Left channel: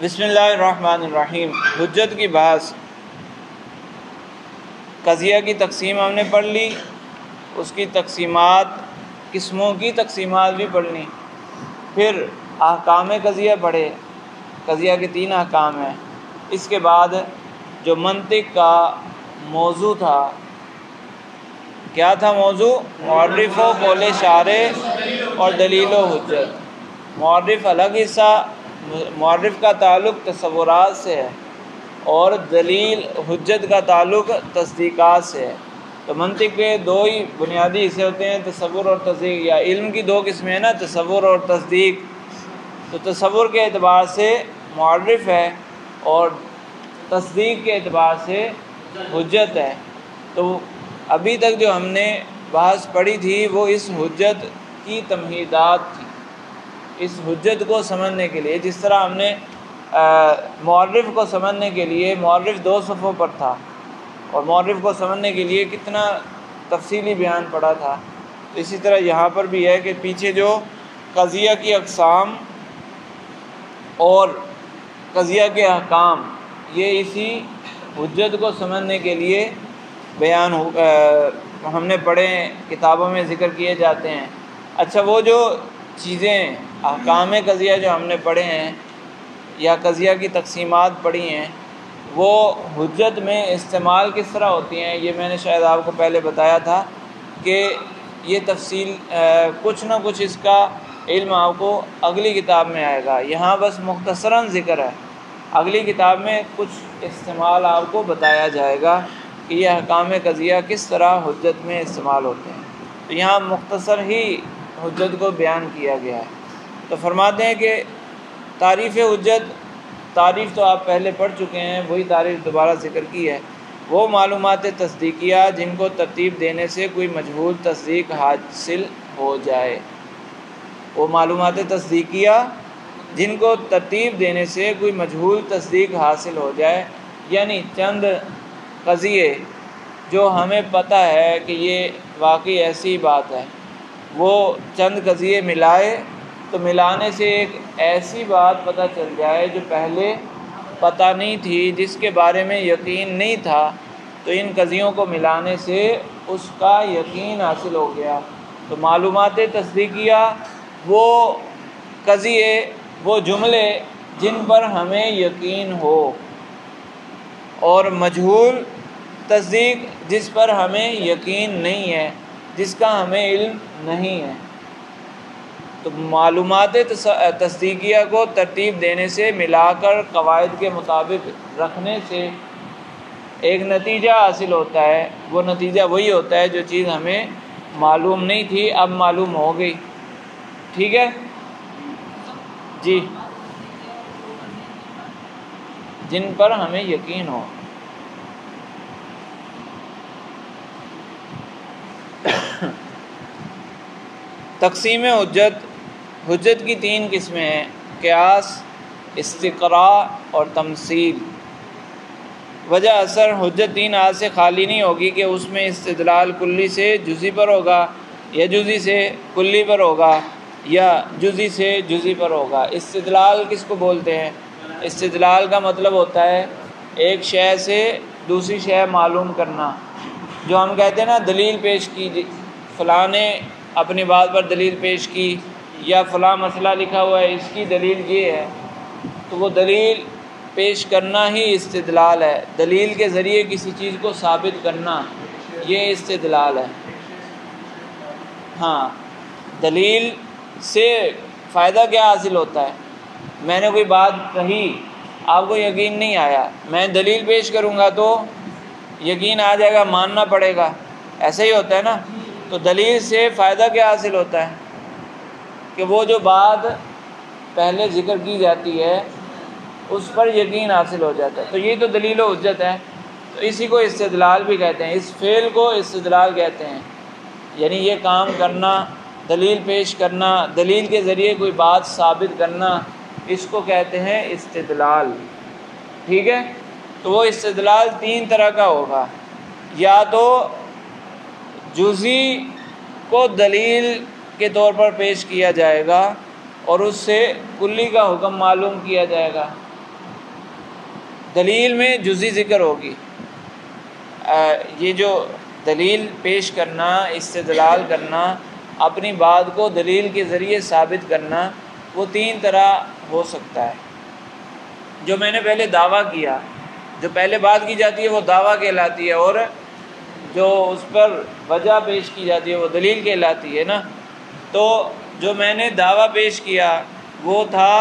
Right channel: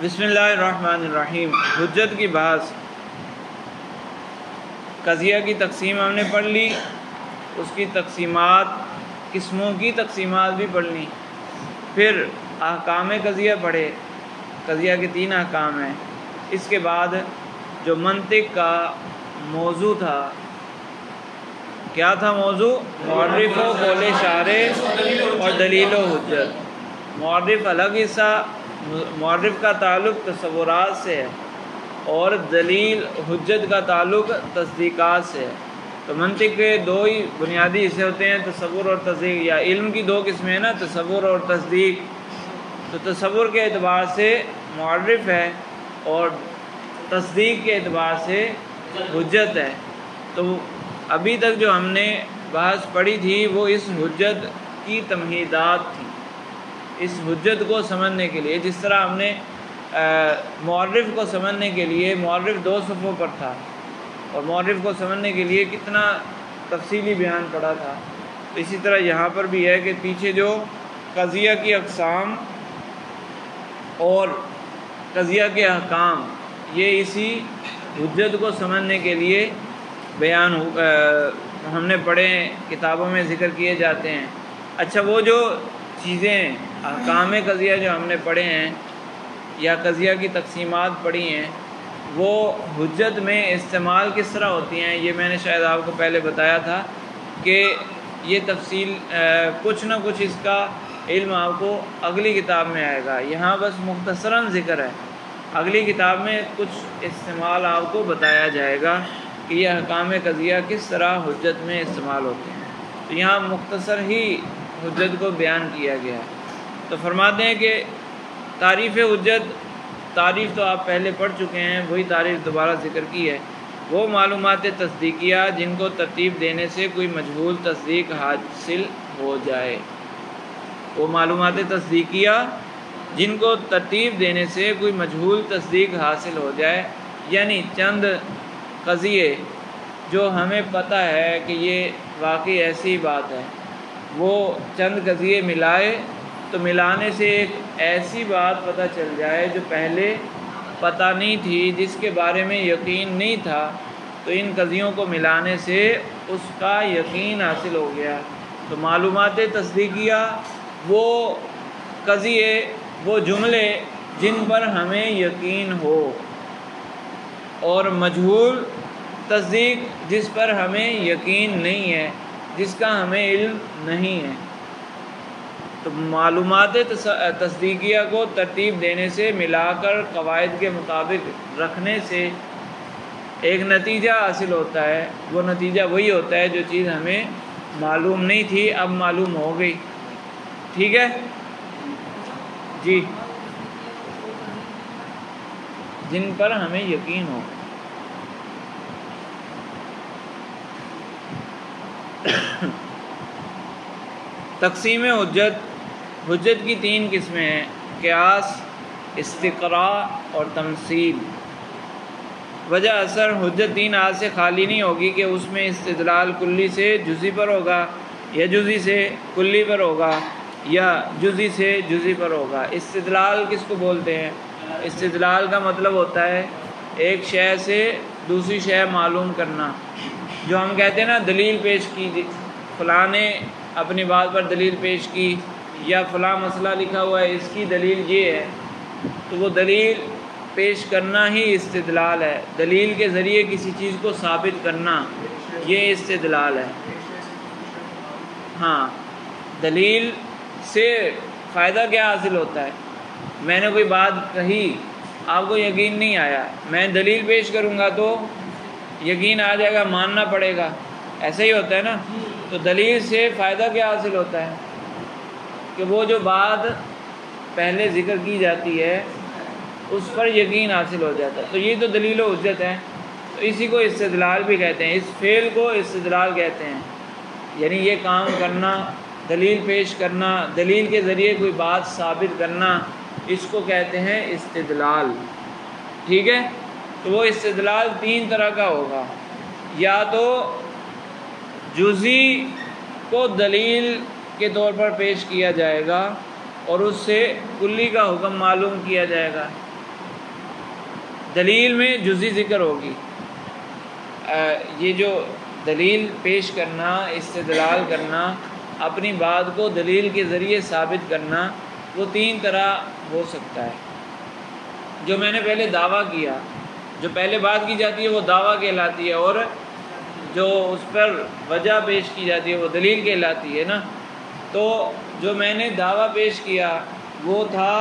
بسم اللہ الرحمن الرحیم۔ حجت کی بحث، قضیہ کی تقسیم ہم نے پڑھ لی، اس کی تقسیمات، قسموں کی تقسیمات بھی پڑھ لی، پھر احکام قضیہ پڑھے۔ قضیہ کے 3 احکام ہیں۔ اس کے بعد جو منطق کا موضوع تھا، کیا تھا موضوع؟ معرف و قول شارح اور دلیل و حجت۔ معرف الگ حصہ، معرف کا تعلق تصورات سے ہے اور دلیل حجت کا تعلق تصدیقات سے ہے۔ تو منطق کے 2 ہی بنیادی حصے ہوتے ہیں، تصور اور تصدیق، یا علم کی 2 قسمیں ہیں نا، تصور اور تصدیق۔ تو تصور کے اعتبار سے معرف ہے اور تصدیق کے اعتبار سے حجت ہے۔ تو ابھی تک جو ہم نے بحث پڑھی تھی وہ اس حجت کی تمہیدات تھی، اس حجت کو سمجھنے کے لیے۔ جس طرح ہم نے معرف کو سمجھنے کے لیے، معرف 2 صفحوں پر تھا، اور معرف کو سمجھنے کے لیے کتنا تفصیلی بیان پڑا تھا، اسی طرح یہاں پر بھی ہے کہ پیچھے جو قضیہ کی اقسام اور قضیہ کے احکام، یہ اسی حجت کو سمجھنے کے لیے بیان ہم نے پڑھے، کتابوں میں ذکر کیے جاتے ہیں۔ اچھا، وہ جو چیزیں احکام قضیہ جو ہم نے پڑھے ہیں یا قضیہ کی تقسیمات پڑھی ہیں، وہ حجت میں استعمال کس طرح ہوتی ہیں، یہ میں نے شاید آپ کو پہلے بتایا تھا کہ یہ تفصیل کچھ نہ کچھ اس کا علم آپ کو اگلی کتاب میں آئے گا، یہاں بس مختصراً ذکر ہے۔ اگلی کتاب میں کچھ استعمال آپ کو بتایا جائے گا کہ یہ احکام قضیہ کس طرح حجت میں استعمال ہوتے ہیں۔ تو یہاں مختصر ہی حجت کو بیان کیا گیا ہے۔ تو فرماتے ہیں کہ تعریف حجت، تعریف تو آپ پہلے پڑھ چکے ہیں، وہی تعریف دوبارہ ذکر کی ہے۔ وہ معلومات تصدیقیہ جن کو ترتیب دینے سے کوئی مجہول تصدیق حاصل ہو جائے۔ وہ معلومات تصدیقیہ جن کو ترتیب دینے سے کوئی مجہول تصدیق حاصل ہو جائے، یعنی چند قضیے جو ہمیں پتہ ہے کہ یہ واقعی ایسی بات ہے، وہ چند قضیے ملائے تو ملانے سے ایک ایسی بات پتہ چل جائے جو پہلے پتہ نہیں تھی، جس کے بارے میں یقین نہیں تھا، تو ان قضیوں کو ملانے سے اس کا یقین حاصل ہو گیا۔ تو معلومات تصدیقیہ وہ قضیے، وہ جملے جن پر ہمیں یقین ہو، اور مجہول تصدیق جس پر ہمیں یقین نہیں ہے، جس کا ہمیں علم نہیں ہے۔ تو معلومات تصدیقیہ کو ترتیب دینے سے، ملا کر قواعد کے مطابق رکھنے سے ایک نتیجہ حاصل ہوتا ہے۔ وہ نتیجہ وہی ہوتا ہے جو چیز ہمیں معلوم نہیں تھی، اب معلوم ہو گئی۔ ٹھیک ہے جی، جن پر ہمیں یقین ہو۔ تقسیم حجت، حجت کی 3 قسمیں ہیں: قیاس، استقراء اور تمثیل۔ وجہ اثر حجت 3 ہاتھ سے خالی نہیں ہوگی کہ اس میں استدلال کلی سے جزئی پر ہوگا، یا جزئی سے کلی پر ہوگا، یا جزئی سے جزئی پر ہوگا۔ استدلال کس کو بولتے ہیں؟ استدلال کا مطلب ہوتا ہے ایک شے سے دوسری شے معلوم کرنا۔ جو ہم کہتے ہیں نا، دلیل پیش کی، فلاں نے اپنی بات پر دلیل پیش کی، یا فلاں مسئلہ لکھا ہوا ہے، اس کی دلیل یہ ہے، تو وہ دلیل پیش کرنا ہی استدلال ہے۔ دلیل کے ذریعے کسی چیز کو ثابت کرنا، یہ استدلال ہے۔ ہاں، دلیل سے فائدہ کیا حاصل ہوتا ہے؟ میں نے کوئی بات کہی، آپ کو یقین نہیں آیا، میں دلیل پیش کروں گا تو یقین آ جائے گا، ماننا پڑے گا، ایسا ہی ہوتا ہے نا۔ تو دلیل سے فائدہ کیا حاصل ہوتا ہے کہ وہ جو بات پہلے ذکر کی جاتی ہے اس پر یقین حاصل ہو جاتا ہے۔ تو یہ تو دلیل و حجت ہے۔ تو اسی کو استدلال بھی کہتے ہیں، اس فعل کو استدلال کہتے ہیں، یعنی یہ کام کرنا، دلیل پیش کرنا، دلیل کے ذریعے کوئی بات ثابت کرنا، اس کو کہتے ہیں استدلال۔ ٹھیک ہے، تو وہ استدلال 3 طرح کا ہوگا، یا تو جزئی کو دلیل کے طور پر پیش کیا جائے گا اور اس سے کلی کا حکم معلوم کیا جائے گا، دلیل میں جزئی ذکر ہوگی. یہ جو دلیل پیش کرنا، استدلال کرنا، اپنی بات کو دلیل کے ذریعے ثابت کرنا، وہ 3 طرح ہو سکتا ہے. جو میں نے پہلے دعویٰ کیا، جو پہلے بات کی جاتی ہے وہ دعویٰ کہلاتی ہے، اور جو اس پر وجہ پیش کی جاتی ہے وہ دلیل کہلاتی ہے نا. تو جو میں نے دعویٰ پیش کیا وہ تھا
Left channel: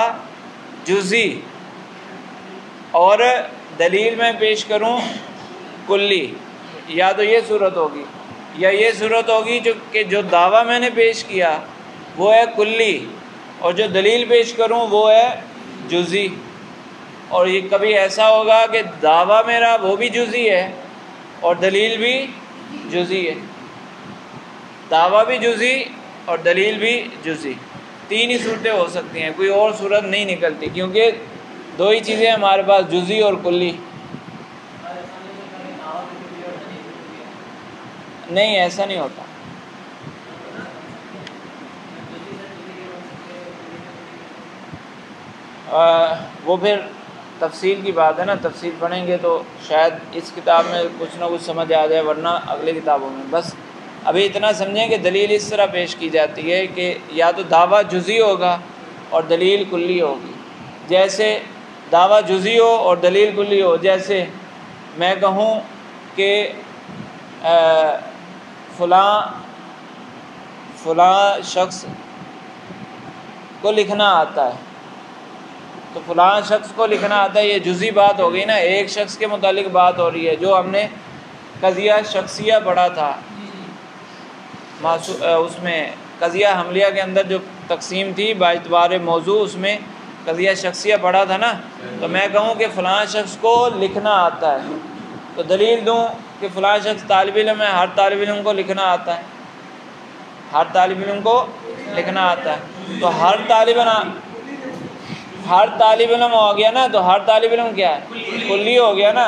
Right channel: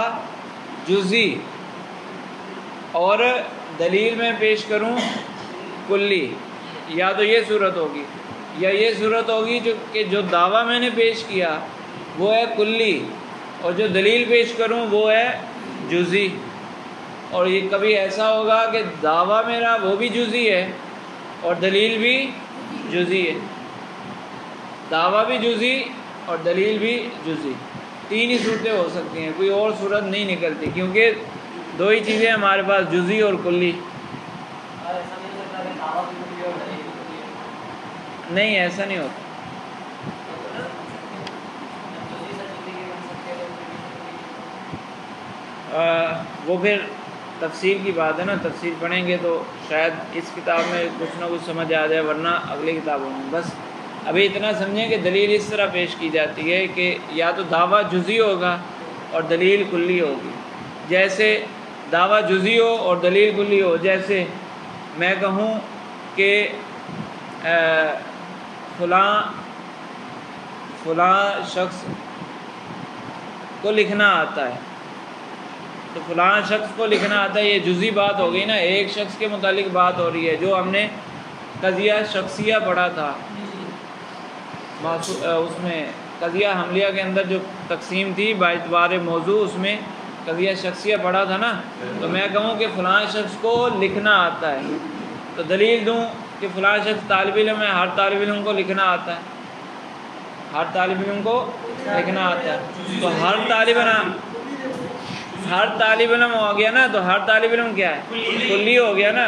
جزئی، اور دلیل میں پیش کروں کلی. یا تو یہ صورت ہوگی یا یہ صورت ہوگی کہ جو دعویٰ میں نے پیش کیا وہ ہے کلی، اور جو دلیل پیش کروں وہ ہے جزئی. اور یہ کبھی ایسا ہوگا کہ دعویٰ میرا وہ بھی جزئی ہے اور دلیل بھی جزئی ہے. دعویٰ بھی جزئی اور دلیل بھی جزئی. 3 ہی صورتیں ہو سکتی ہیں، کوئی اور صورت نہیں نکلتی، کیونکہ 2 ہی چیزیں ہمارے پاس، جزئی اور کلی. نہیں، ایسا نہیں ہوتا. وہ پھر تفصیل کی بات ہے نا، تفصیل پڑھیں گے تو شاید اس کتاب میں کچھ نہ کچھ سمجھ آ جائے، ورنہ اگلی کتابوں میں. بس ابھی اتنا سمجھیں کہ دلیل اس طرح پیش کی جاتی ہے کہ یا تو دعویٰ جزئی ہوگا اور دلیل کلی ہوگی. جیسے دعویٰ جزئی ہو اور دلیل کلی ہو، جیسے میں کہوں کہ فلاں شخص کو لکھنا آتا ہے، تو فلاں شخص کو لکھنا آتا ہے، یہ جزئی بات ہو گئی نا، ایک شخص کے متعلق بات ہو رہی ہے. جو ہم نے قضیہ شخصیہ پڑھا تھا، اس میں قضیہ حملیہ کے اندر جو تقسیم تھی باعتبار موضوع، اس میں قضیہ شخصیہ پڑھا تھا نا. تو میں کہوں کہ فلاں شخص کو لکھنا آتا ہے، تو دلیل دوں کہ فلاں شخص طالب علم ہے، ہر طالب علم کو لکھنا آتا ہے، ہر طالب علم کو لکھنا آتا ہے. تو ہر طالب علم ہو گیا نا، تو ہر طالب علم کیا ہے؟ کلی ہو گیا نا.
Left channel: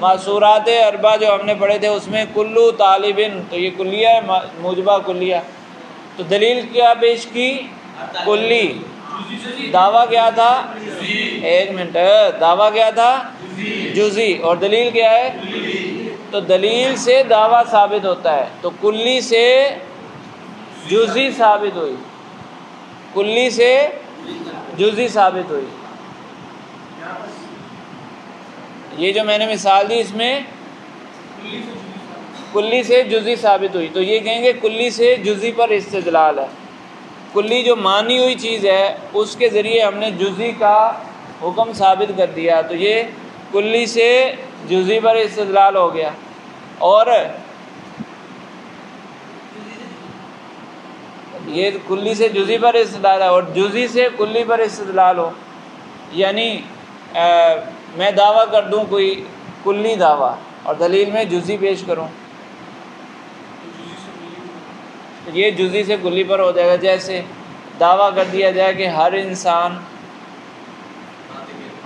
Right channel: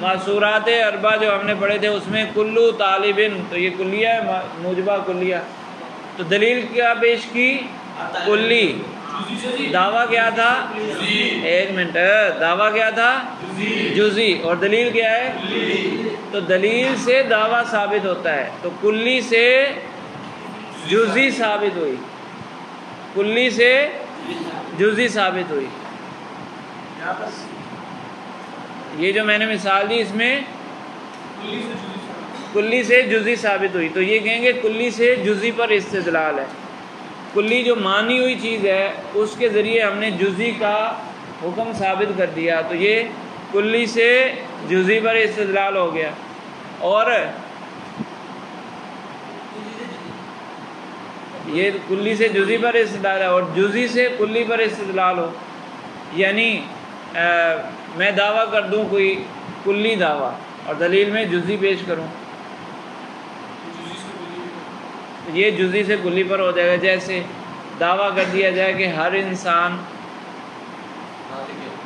معصورات اربع جو ہم نے پڑھے تھے اس میں کلو طالب، تو یہ کلیہ ہے، موجبہ کلیہ. تو دلیل کیا پیش کی؟ کلی. دعویٰ کیا تھا؟ ایک منٹ، دعویٰ کیا تھا؟ جزئی. اور دلیل کیا ہے؟ تو دلیل سے دعویٰ ثابت ہوتا ہے، تو کلی سے جزئی ثابت ہوئی، کلی سے جزئی ثابت ہوئی. یہ جو میں نے مثال دی اس میں کلی سے جزئی ثابت ہوئی، تو یہ کہیں گے کلی سے جزئی پر استدلال ہے. کلی جو مانی ہوئی چیز ہے اس کے ذریعے ہم نے جزئی کا حکم ثابت کر دیا، تو یہ کلی سے جزئی پر استدلال ہو گیا. اور یہ کلی سے جزئی پر استدلال ہے، اور جزئی سے کلی پر استدلال ہو، یعنی میں دعویٰ کر دوں کوئی کلی دعویٰ اور دلیل میں جزئی پیش کروں، یہ جزئی سے کلی پر ہو جائے گا. جیسے دعویٰ کر دیا جائے کہ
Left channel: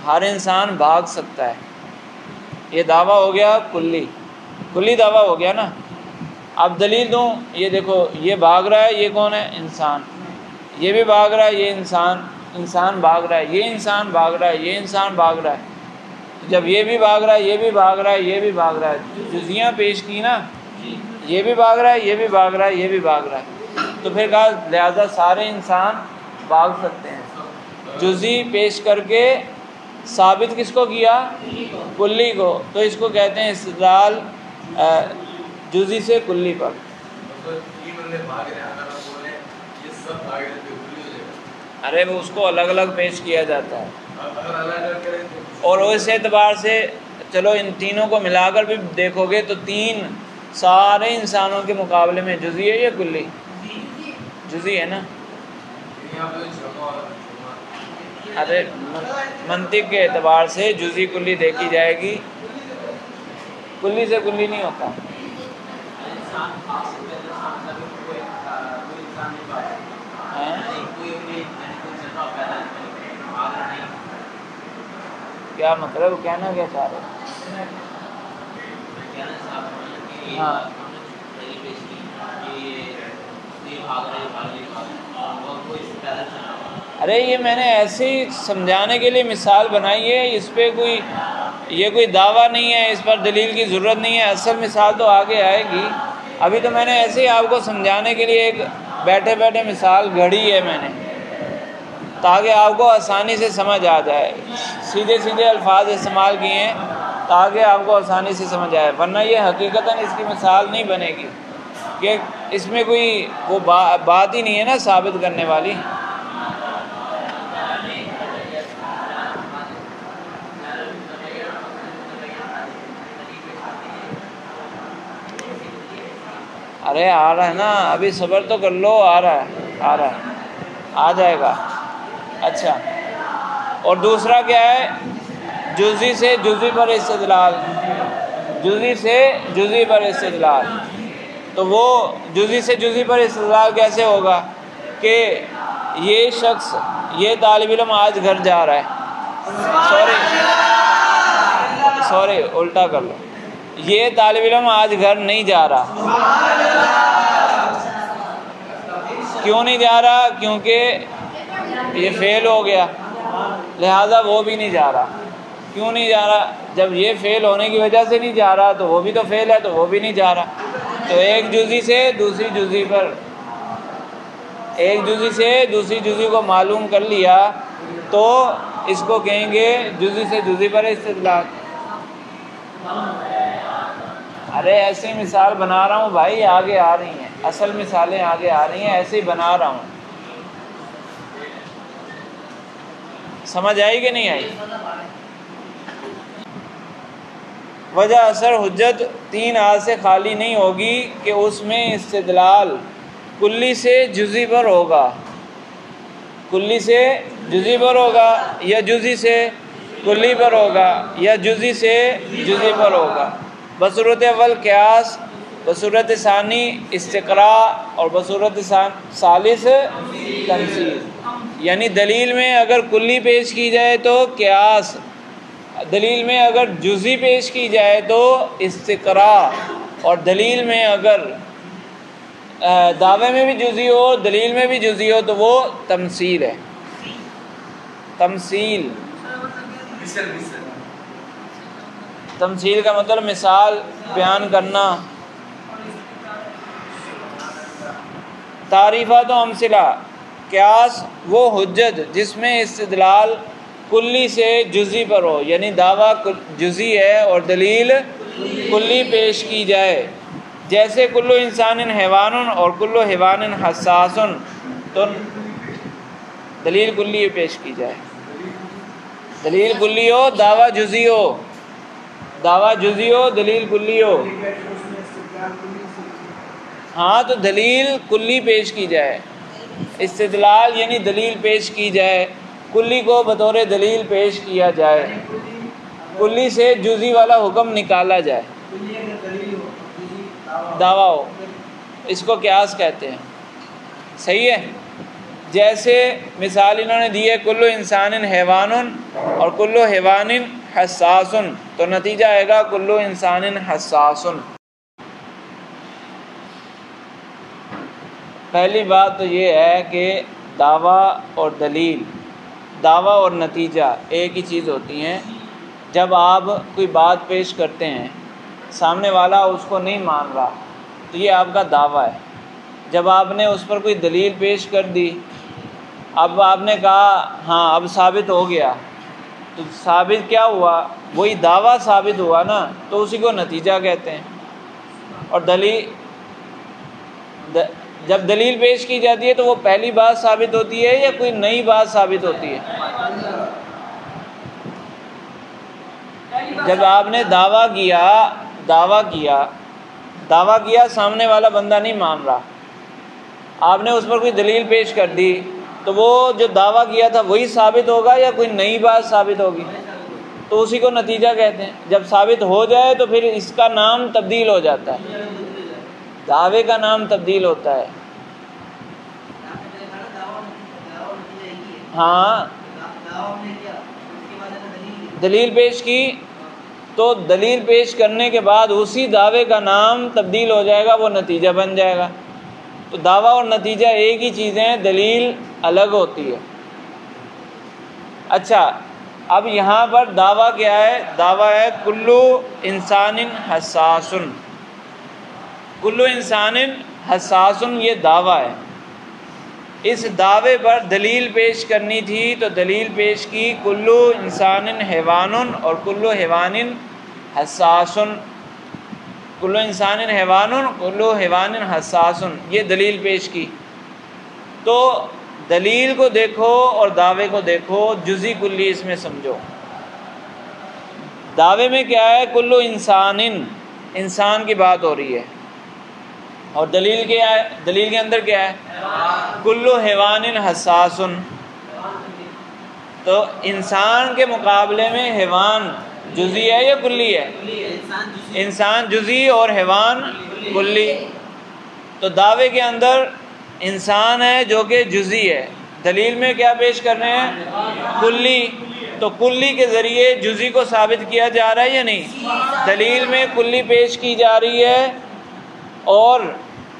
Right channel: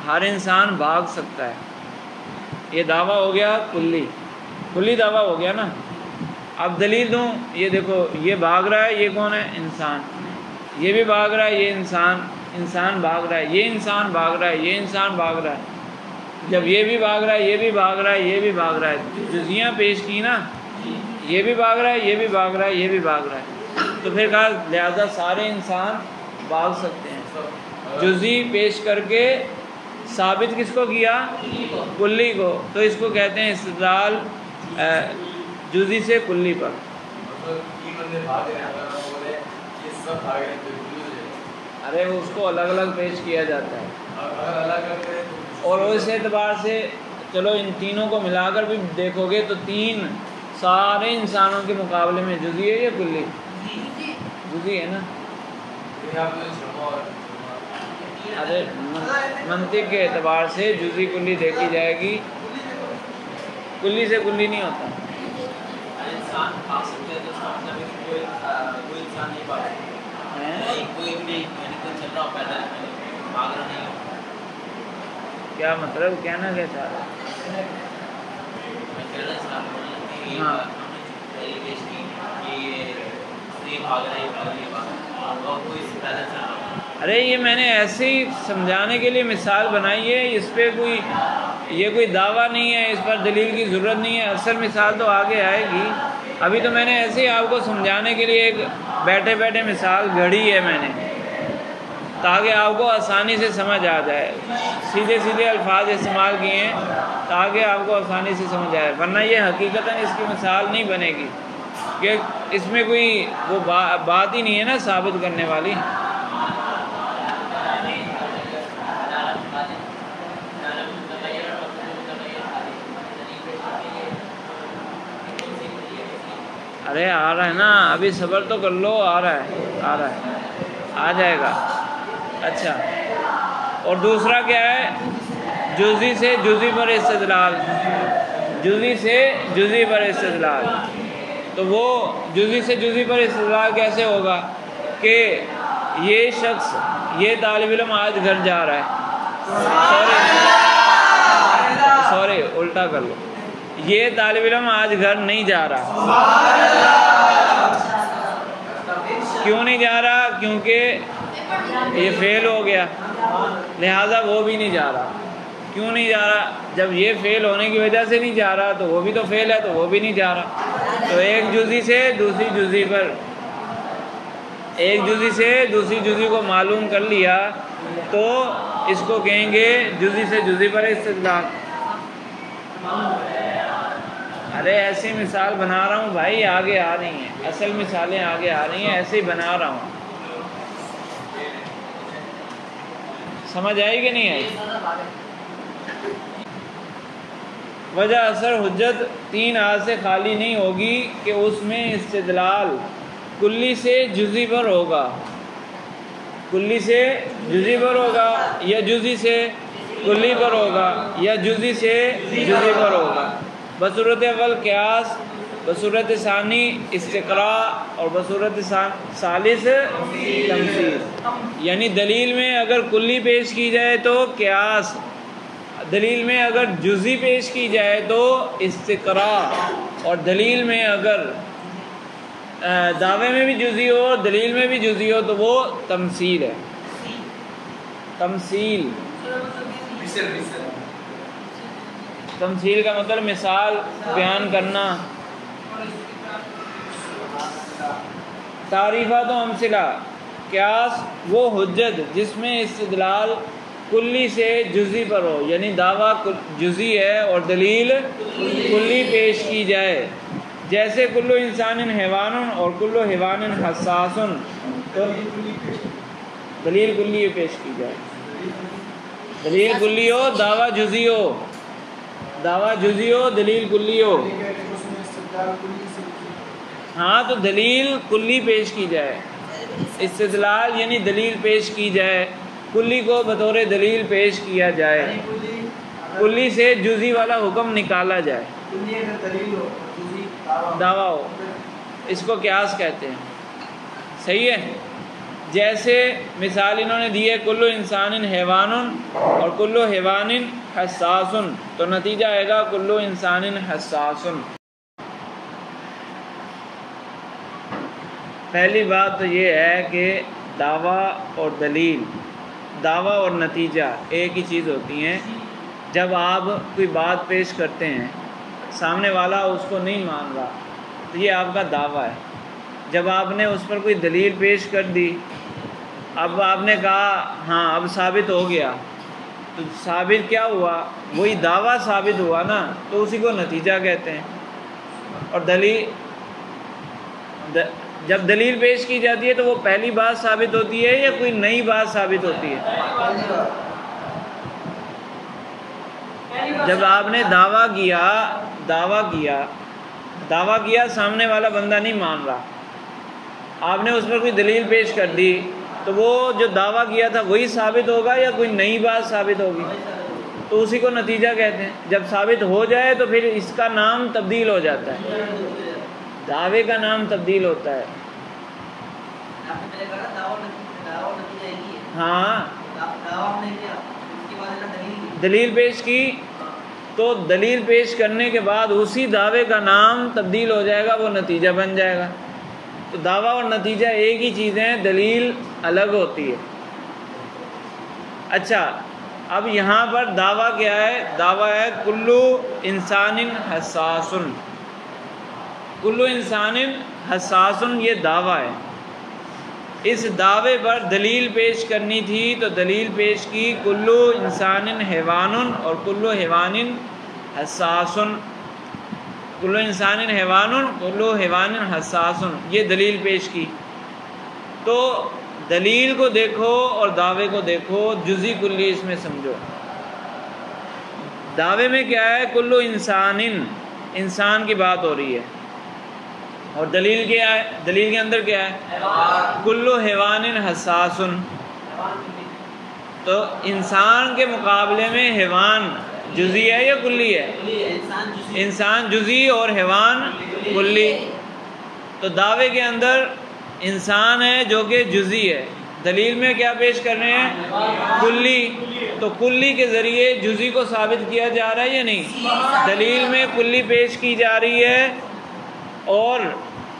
ہر انسان بھاگ سکتا ہے، یہ دعویٰ ہو گیا کلی دعویٰ ہو گیا نا. اب دلیل دوں، یہ دیکھو یہ بھاگ رہا ہے، یہ کون ہے؟ انسان. یہ بھی بھاگ رہا ہے، یہ انسان بھاگ رہا ہے، یہ انسان بھاگ رہا ہے، یہ انسان بھاگ رہا ہے. جب یہ بھی بھاگ رہا ہے، یہ بھی بھاگ رہا ہے، یہ بھی بھاگ رہا ہے، جزیاں پیش کی نا، یہ بھی بھاگ رہا ہے، یہ بھی بھاگ رہا ہے، یہ بھی بھاگ رہا ہے، تو پھر کہا لہذا سارے انسان بھاگ سکتے ہیں. جزئی پیش کر کے ثابت کس کو کیا؟ کلی کو. تو اس کو کہتے ہیں استدلال جزئی سے کلی پر. ارے وہ اس کو الگ الگ پیش کیا جاتا ہے، اور اس اعتبار سے چلو ان تینوں کو ملا کر بھی دیکھو گے تو 3 سارے انسانوں کے مقابلے میں جزئی ہے یا کلی؟ جزئی ہے نا. ارے منطق کے اعتبار سے جزئی کلی دیکھی جائے گی، کلی سے کلی نہیں ہوتا. کیا مطلب کہنا کیا چاہ رہے ہیں؟ ہاں ارے یہ میں نے ایسے ہی سمجھانے کے لیے مثال بنائی ہے، اس پہ کوئی یہ کوئی دعویٰ نہیں ہے، اس پر دلیل کی ضرورت نہیں ہے، اصل مثال تو آگے آئے گی۔ ابھی تو میں نے ایسے ہی آپ کو سمجھانے کے لیے ایک بیٹھے بیٹھے مثال گھڑی ہے میں نے، تاکہ آپ کو آسانی سے سمجھ آ جائے، سیدھے سیدھے الفاظ استعمال کیے ہیں تاکہ آپ کو آسانی سے سمجھ آئے، ورنہ یہ حقیقتاً اس کی مثال نہیں بنے گی کہ اس میں کوئی وہ بات ہی نہیں ہے نا ثابت کرنے والی۔ ارے آ رہا ہے نا، ابھی صبر تو کر لو، آ رہا ہے، آ جائے گا۔ اچھا، اور دوسرا کیا ہے؟ جزئی سے جزئی پر استدلال، جزئی سے جزئی پر استدلال۔ تو وہ جزئی سے جزئی پر استدلال کیسے ہوگا کہ یہ شخص، یہ طالب علم آج گھر جا رہا ہے، سوری الٹا کر لو، یہ طالب علم آج گھر نہیں جا رہا۔ کیوں نہیں جا رہا؟ کیونکہ یہ فیل ہو گیا، لہذا وہ بھی نہیں جا رہا۔ کیوں نہیں جا رہا؟ جب یہ فیل ہونے کی وجہ سے نہیں جا رہا تو وہ بھی تو فیل ہے، تو وہ بھی نہیں جا رہا۔ تو ایک جزئی سے دوسری جزئی پر، ایک جزئی سے دوسری جزئی کو معلوم کر لیا تو اس کو کہیں گے جزئی سے جزئی پر استدلال۔ ارے ایسی مثال بنا رہا ہوں بھائی، آگے آ رہی ہیں اصل مثالیں، آگے آ رہی ہیں، ایسے ہی بنا رہا ہوں۔ سمجھ آئی کہ نہیں آئی؟ وجہ اثر حجت تین آیات سے خالی نہیں ہوگی کہ اس میں استدلال کلی سے جزئی پر ہوگا، کلی سے جزئی پر ہوگا، یا جزئی سے کلی پر ہوگا، یا جزئی سے جزئی پر ہوگا۔ بصورت اول قیاس، بصورت ثانی استقراء، اور بصورت ثالث تمثیل۔ یعنی دلیل میں اگر کلی پیش کی جائے تو قیاس، دلیل میں اگر جزئی پیش کی جائے تو استقراء، اور دلیل میں اگر دعوے میں بھی جزئی ہو، دلیل میں بھی جزئی ہو تو وہ تمثیل ہے۔ تمثیل، تمثیل کا مطلب مثال بیان کرنا۔ تعریفات و امثلہ، قیاس وہ حجت جس میں استدلال کلی سے جزئی پر ہو، یعنی دعویٰ جزئی ہے اور دلیل کلی پیش کی جائے، جیسے کلو انسان حیوان اور کلو حیوان حساس، تو دلیل کلی پیش کی جائے، دلیل کلی ہو، دعویٰ جزئی ہو، دعویٰ جزئی ہو، دلیل کلی ہو۔ ہاں تو دلیل کلی پیش کی جائے، استدلال یعنی دلیل پیش کی جائے، کلی کو بطور دلیل پیش کیا جائے، کلی سے جزئی والا حکم نکالا جائے، دعویٰ ہو، اس کو قیاس کہتے ہیں۔ صحیح ہے؟ جیسے مثال انہوں نے دی ہے کلو انسان حیوان اور کلو حیوان حساس، تو نتیجہ آئے گا کلو انسان حساس۔ پہلی بات تو یہ ہے کہ دعویٰ اور دلیل، دعویٰ اور نتیجہ ایک ہی چیز ہوتی ہیں۔ جب آپ کوئی بات پیش کرتے ہیں، سامنے والا اس کو نہیں مان رہا تو یہ آپ کا دعویٰ ہے۔ جب آپ نے اس پر کوئی دلیل پیش کر دی، اب آپ نے کہا ہاں اب ثابت ہو گیا، تو ثابت کیا ہوا؟ وہی دعویٰ ثابت ہوا نا، تو اسی کو نتیجہ کہتے ہیں۔ اور جب دلیل پیش کی جاتی ہے تو وہ پہلی بات ثابت ہوتی ہے یا کوئی نئی بات ثابت ہوتی ہے؟ جب آپ نے دعویٰ کیا سامنے والا بندہ نہیں مان رہا، آپ نے اس پر کوئی دلیل پیش کر دی، تو وہ جو دعویٰ کیا تھا وہی ثابت ہوگا یا کوئی نئی بات ثابت ہوگی؟ تو اسی کو نتیجہ کہتے ہیں۔ جب ثابت ہو جائے تو پھر اس کا نام تبدیل ہو جاتا ہے، دعوے کا نام تبدیل ہوتا ہے۔ ہاں دلیل پیش کی تو دلیل پیش کرنے کے بعد اسی دعوے کا نام تبدیل ہو جائے گا، وہ نتیجہ بن جائے گا۔ تو دعویٰ اور نتیجہ ایک ہی چیز ہیں، دلیل الگ ہوتی ہے۔ اچھا، اب یہاں پر دعویٰ کیا ہے؟ دعویٰ ہے کلو انسان حساس، کلو انسان حساس، یہ دعویٰ ہے۔ اس دعوے پر دلیل پیش کرنی تھی تو دلیل پیش کی کلو انسان حیوان اور کلو حیوان حساس، کلو انسان حیوان کلو حیوان حساس، یہ دلیل پیش کی۔ تو دلیل کو دیکھو اور دعوے کو دیکھو، جزئی کلی اس میں سمجھو۔ دعوے میں کیا ہے؟ کلو انسان، انسان کی بات ہو رہی ہے، اور دلیل کیا ہے؟ دلیل کے اندر کیا ہے؟ کلو حیوان حساس۔ تو انسان کے مقابلے میں حیوان جزئی ہے یا کلی ہے؟ انسان جزئی اور حیوان کلی۔ تو دعوے کے اندر انسان ہے جو کہ جزئی ہے، دلیل میں کیا پیش کر رہے ہیں؟ کلی۔ تو کلی کے ذریعے جزئی کو ثابت کیا جا رہا ہے یا نہیں؟ دلیل میں کلی پیش کی جا رہی ہے اور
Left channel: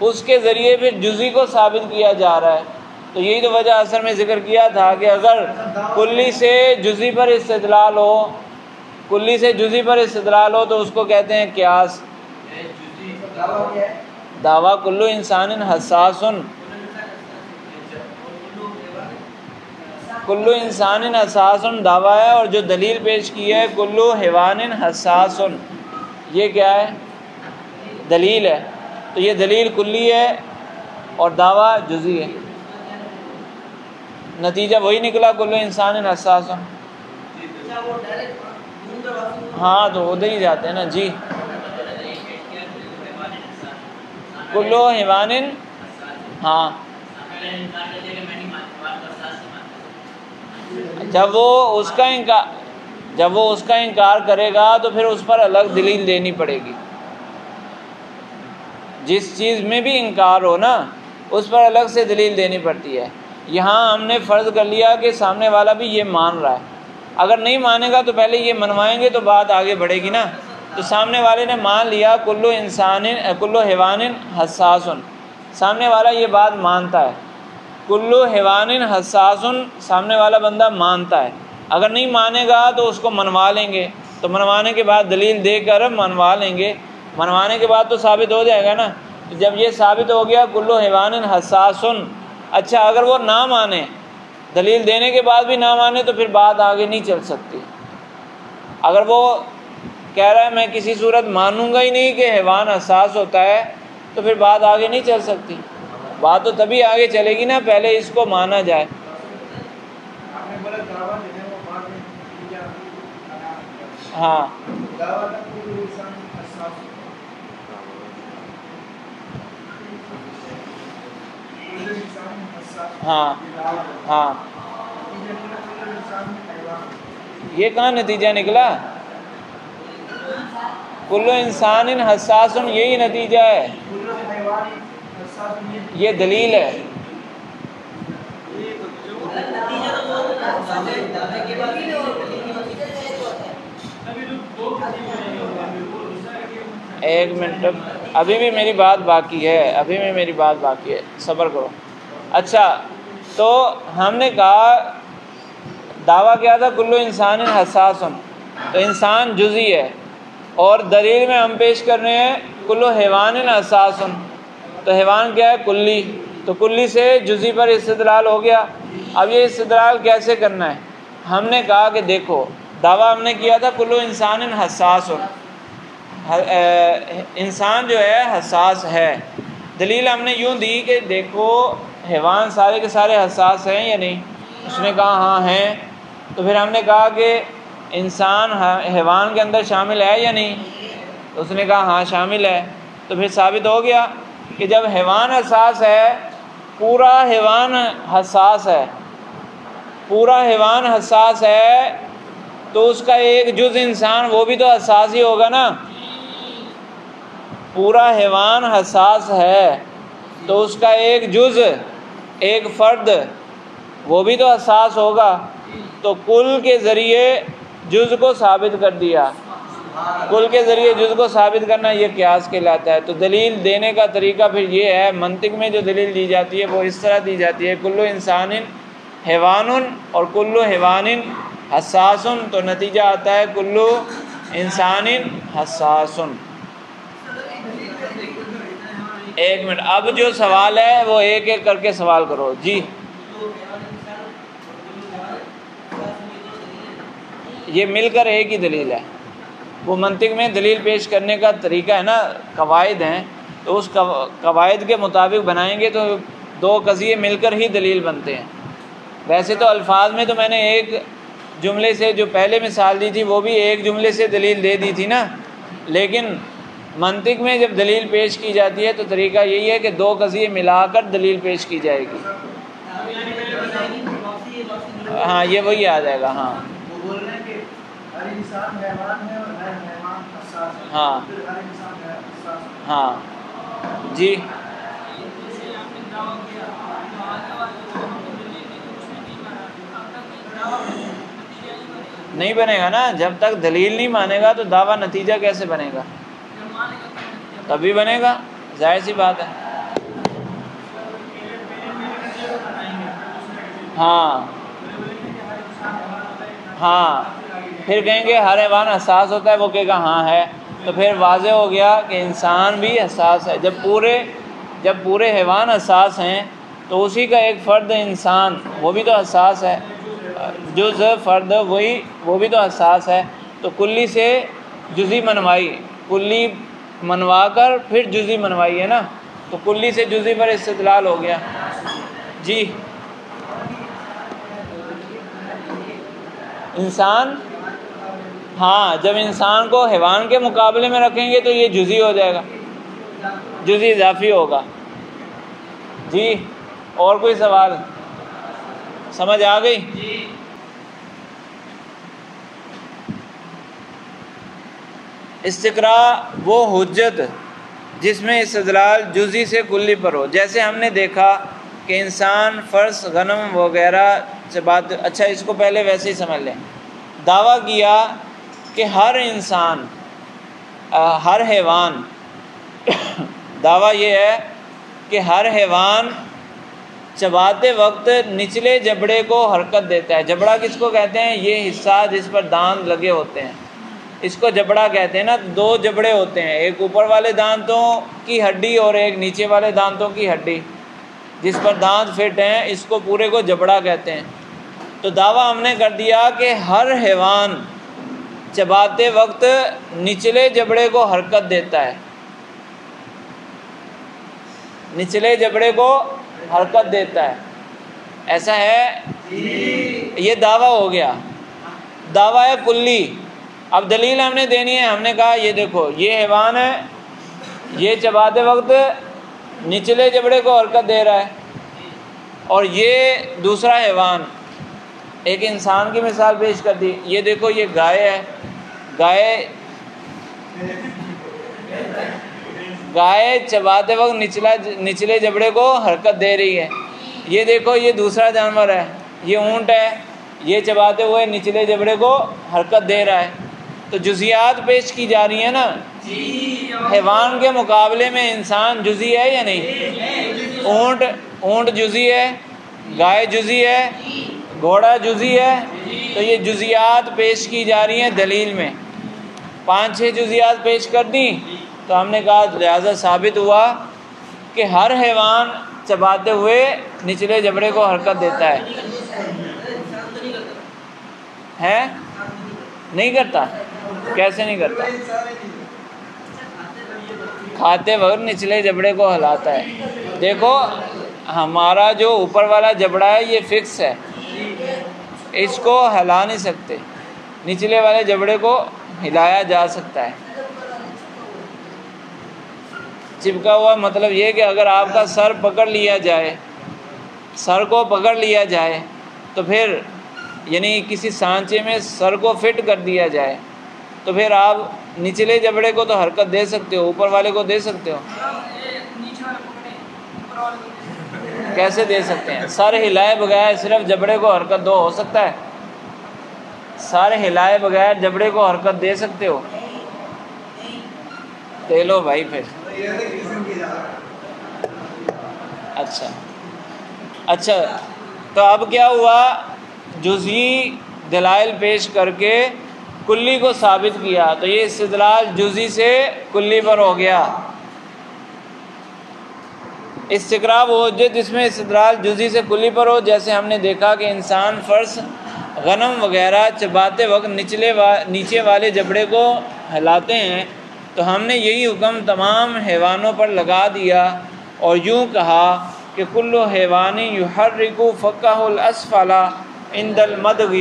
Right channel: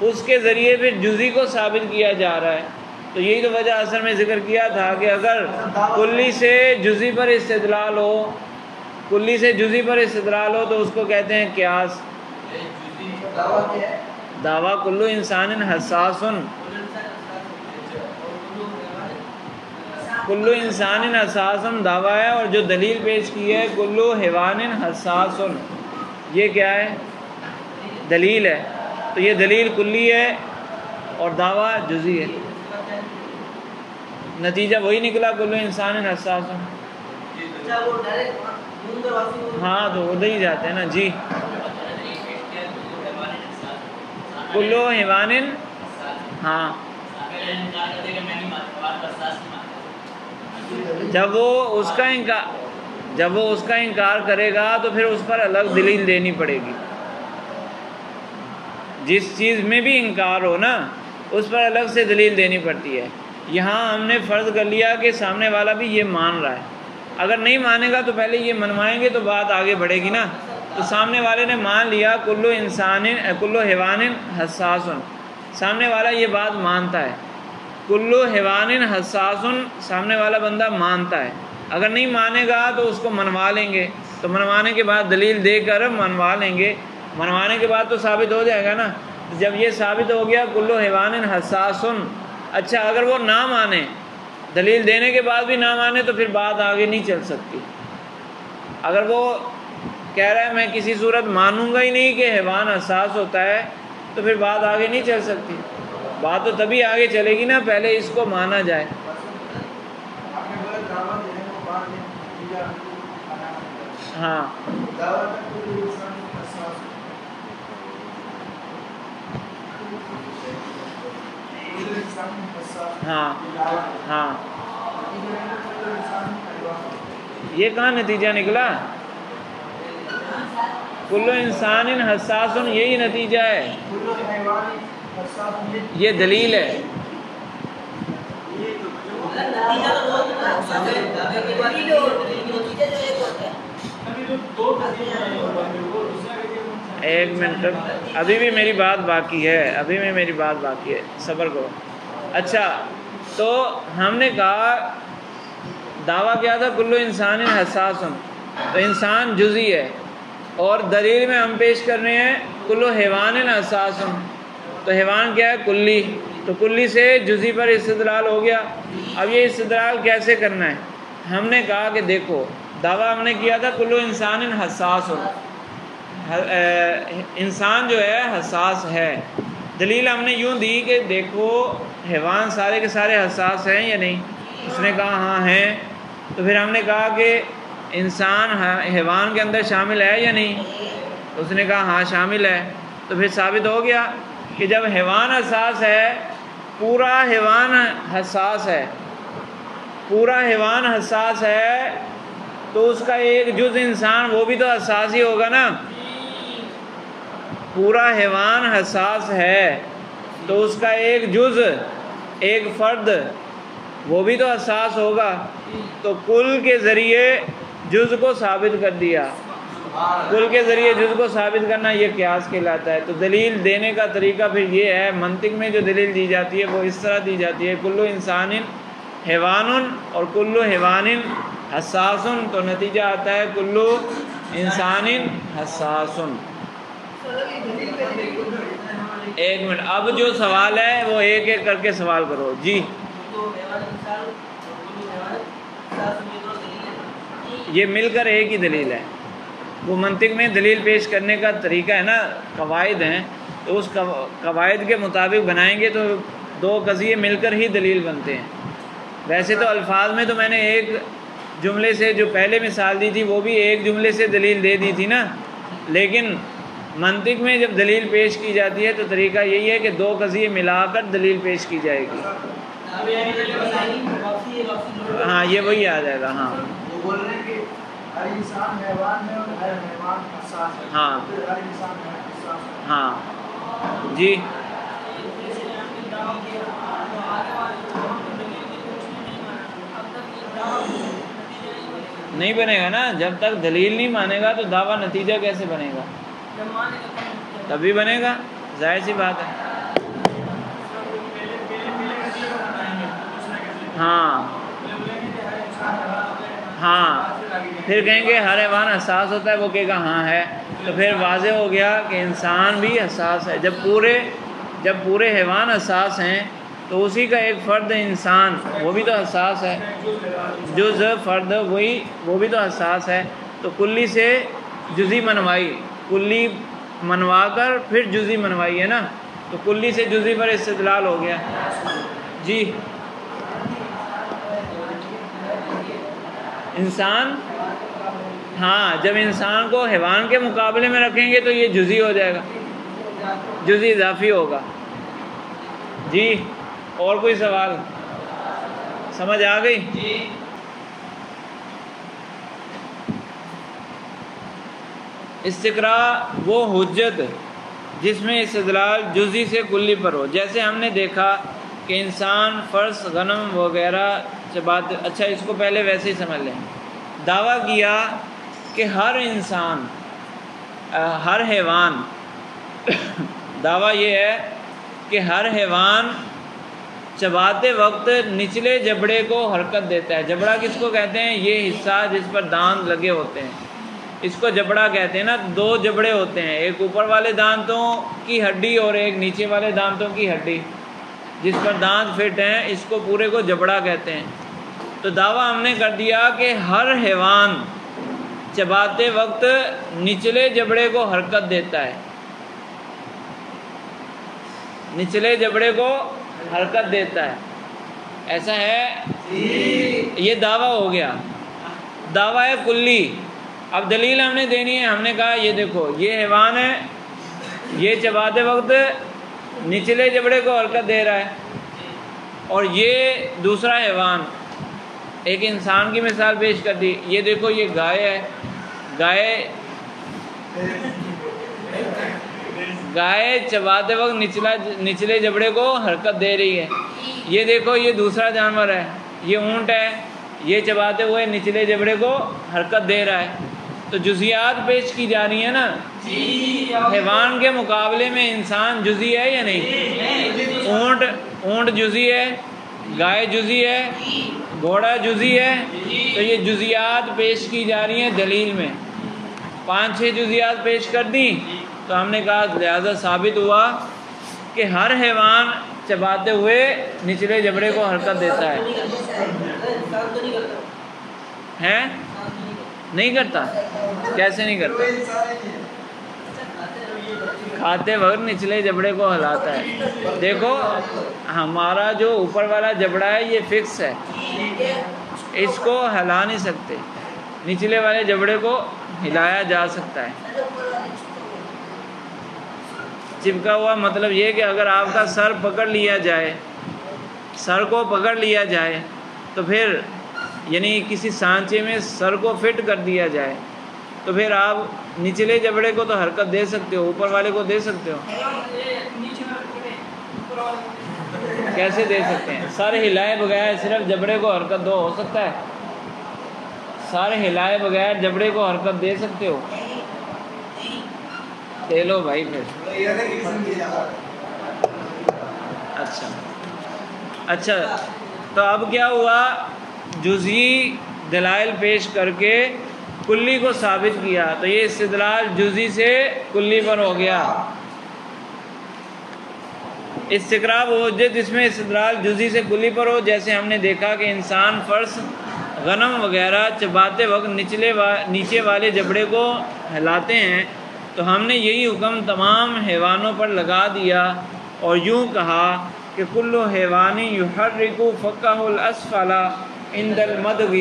اس کے ذریعے پھر جزئی کو ثابت کیا جا رہا ہے۔ تو یہی تو وجہ اثر میں ذکر کیا تھا کہ اگر کلی سے جزئی پر استدلال ہو، کلی سے جزئی پر استدلال ہو تو اس کو کہتے ہیں قیاس۔ دعویٰ کلو انسان حساس، کلو انسان حساس دعویٰ ہے، اور جو دلیل پیش کی ہے کلو حیوان حساس، یہ کیا ہے؟ دلیل ہے۔ تو یہ دلیل کلی ہے اور دعویٰ جزئی ہے، نتیجہ وہی نکلا کلو انسان حساس۔ ہاں تو ادھر ہی جاتے ہیں نا جی۔ کلو حیوان، ہاں جب وہ اس کا انکار کرے گا تو پھر اس پر الگ دلیل دینی پڑے گی۔ جس چیز میں بھی انکار ہو نا اس پر الگ سے دلیل دینی پڑتی ہے۔ یہاں ہم نے فرض کر لیا کہ سامنے والا بھی یہ مان رہا ہے، اگر نہیں مانے گا تو پہلے یہ منوائیں گے تو بات آگے بڑھے گی نا۔ تو سامنے والے نے مان لیا کلو حیوان حساس، سامنے والا یہ بات مانتا ہے، کلو حیوان حساس سامنے والا بندہ مانتا ہے۔ اگر نہیں مانے گا تو اس کو منوا لیں گے، تو منوانے کے بعد دلیل دے کر منوا لیں گے، منوانے کے بعد تو ثابت ہو جائے گا نا۔ جب یہ ثابت ہو گیا کلو حیوان حساس، اچھا اگر وہ نہ مانے، دلیل دینے کے بعد بھی نہ مانے تو پھر بات آگے نہیں چل سکتی۔ اگر وہ کہہ رہا ہے میں کسی صورت مانوں گا ہی نہیں کہ حیوان حساس ہوتا ہے تو پھر بات آگے نہیں چل سکتی۔ بات تو تبھی آگے چلے گی نا پہلے اس کو مانا جائے۔ ہاں ہاں ہاں یہ کہاں نتیجہ نکلا؟ کلو انسان حساس، یہی نتیجہ ہے، یہ دلیل ہے۔ ایک منٹ، ابھی بھی میری بات باقی ہے، صبر کرو۔ اچھا تو ہم نے کہا دعویٰ کیا تھا کلو انسان حساس، تو انسان جزئی ہے، اور دلیل میں ہم پیش کر رہے ہیں کلو حیوان حساس، تو حیوان کیا ہے؟ کلی۔ تو کلی سے جزئی پر استدلال ہو گیا۔ اب یہ استدلال کیسے کرنا ہے؟ ہم نے کہا کہ دیکھو دعویٰ ہم نے کیا تھا کلو انسان حساس، انسان جو ہے حساس ہے۔ دلیل ہم نے یوں دی کہ دیکھو حیوان سارے کے سارے حساس ہیں یا نہیں؟ اس نے کہا ہاں ہیں۔ تو پھر ہم نے کہا کہ انسان حیوان کے اندر شامل ہے یا نہیں؟ تو اس نے کہا ہاں شامل ہے۔ تو پھر ثابت ہو گیا کہ جب حیوان حساس ہے، پورا حیوان حساس ہے، پورا حیوان حساس ہے تو اس کا ایک جز انسان وہ بھی تو حساس ہی ہوگا نا۔ پورا حیوان حساس ہے تو اس کا ایک جز، ایک فرد وہ بھی تو حساس ہوگا۔ تو کل کے ذریعے جز کو ثابت کر دیا، کل کے ذریعے جز کو ثابت کرنا یہ قیاس کہلاتا ہے۔ تو دلیل دینے کا طریقہ پھر یہ ہے، منطق میں جو دلیل دی جاتی ہے وہ اس طرح دی جاتی ہے، کلو انسان حیوان اور کلو حیوان حساسن تو نتیجہ آتا ہے کلو انسان حساسن۔ ایک منٹ، اب جو سوال ہے وہ ایک ایک کر کے سوال کرو جی۔ یہ مل کر ایک ہی دلیل ہے، وہ منطق میں دلیل پیش کرنے کا طریقہ ہے نا، قواعد ہیں، تو اس قواعد کے مطابق بنائیں گے تو دو قضیے مل کر ہی دلیل بنتے ہیں۔ ویسے تو الفاظ میں تو میں نے ایک جملے سے جو پہلے مثال دی تھی وہ بھی ایک جملے سے دلیل دے دی تھی نا، لیکن منطق میں جب دلیل پیش کی جاتی ہے تو طریقہ یہی ہے کہ دو قضیے ملا کر دلیل پیش کی جائے گی۔ ہاں یہ وہی آ جائے گا۔ ہاں ہاں ہاں جی۔ نہیں بنے گا نا، جب تک دلیل نہیں مانے گا تو دعویٰ نتیجہ کیسے بنے گا؟ تبھی بنے گا، ظاہر سی بات ہے۔ ہاں ہاں، پھر کہیں گے ہر حیوان حساس ہوتا ہے، وہ کہے گا ہاں ہے، تو پھر واضح ہو گیا کہ انسان بھی حساس ہے۔ جب پورے حیوان حساس ہیں تو اسی کا ایک فرد انسان وہ بھی تو حساس ہے، جز فرد وہ بھی تو حساس ہے، تو کلی سے جزی منوائی، کلی منوا کر پھر جزی منوائی ہے نا، تو کلی سے جزی پر استدلال ہو گیا جی۔ انسان، ہاں جب انسان کو حیوان کے مقابلے میں رکھیں گے تو یہ جزی ہو جائے گا، جزی اضافی ہوگا جی۔ اور کوئی سوال سمجھ آ گئی؟ استقراء وہ حجت جس میں استدلال جزی سے کلی پر ہو، جیسے ہم نے دیکھا کہ انسان، فرس، غنم وغیرہ سے بات، اچھا اس کو پہلے ویسے ہی سمجھ لیں۔ دعویٰ کیا کہ ہر انسان، ہر حیوان، دعویٰ یہ ہے کہ ہر حیوان چباتے وقت نچلے جبڑے کو حرکت دیتا ہے۔ جبڑا کس کو کہتے ہیں؟ یہ حصہ جس پر دانت لگے ہوتے ہیں، اس کو جبڑا کہتے ہیں نا۔ دو جبڑے ہوتے ہیں، ایک اوپر والے دانتوں کی ہڈی اور ایک نیچے والے دانتوں کی ہڈی، جس پر دانت فٹ ہیں، اس کو پورے کو جبڑا کہتے ہیں۔ تو دعویٰ ہم نے کر دیا کہ ہر حیوان چباتے وقت نچلے جبڑے کو حرکت دیتا ہے، نچلے جبڑے کو حرکت دیتا ہے، ایسا ہے؟ یہ دعویٰ ہو گیا، دعویٰ ہے کلی۔ اب دلیل ہم نے دینی ہے، ہم نے کہا یہ دیکھو یہ حیوان ہے، یہ چباتے وقت نچلے جبڑے کو حرکت دے رہا ہے، اور یہ دوسرا حیوان، ایک انسان کی مثال پیش کر دی، یہ دیکھو یہ گائے ہے، گائے چباتے وقت نچلے جبڑے کو حرکت دے رہی ہے۔ یہ دیکھو یہ دوسرا جانور ہے، یہ اونٹ ہے، یہ چباتے ہوئے نچلے جبڑے کو حرکت دے رہا ہے۔ تو جزیات پیش کی جا رہی ہیں نا، حیوان کے مقابلے میں انسان جزی ہے یا نہیں؟ اونٹ جزی ہے، گائے جزی ہے، گھوڑا جزی ہے، تو یہ جزیات پیش کی جا رہی ہیں دلیل میں۔ 5-6 جزیات پیش کر دیں تو ہم نے کہا لہذا ثابت ہوا کہ ہر حیوان چباتے ہوئے نچلے جبڑے کو حرکت دیتا ہے۔ نہیں کرتا؟ کیسے نہیں کرتا؟ کھاتے وقت نچلے جبڑے کو ہلاتا ہے۔ دیکھو ہمارا جو اوپر والا جبڑا ہے یہ فکس ہے، اس کو ہلا نہیں سکتے، نچلے والے جبڑے کو ہلایا جا سکتا ہے۔ چپکا ہوا مطلب یہ کہ اگر آپ کا سر پکڑ لیا جائے، سر کو پکڑ لیا جائے تو پھر یعنی کسی سانچے میں سر کو فٹ کر دیا جائے تو پھر آپ نچلے جبڑے کو تو حرکت دے سکتے ہو، اوپر والے کو دے سکتے ہو؟ کیسے دے سکتے ہیں؟ سر ہلائے بغیر صرف جبڑے کو حرکت دو، ہو سکتا ہے؟ سر ہلائے بغیر جبڑے کو حرکت دے سکتے ہو؟ دے لو بھائی پھر۔ اچھا تو اب کیا ہوا؟ دلائل پیش کر کے کلی کو ثابت کیا، تو یہ استدلال جزئی سے کلی پر ہو گیا۔ استقراء وہ حجت جس میں استدلال جزئی سے کلی پر ہو، جیسے ہم نے دیکھا کہ انسان فرض غنم وغیرہ چباتے وقت نیچے والے جبڑے کو ہلاتے ہیں، تو ہم نے یہی حکم تمام حیوانوں پر لگا دیا اور یوں کہا کہ کل حیوان یحرک فکہ الاسفل عند المدغ،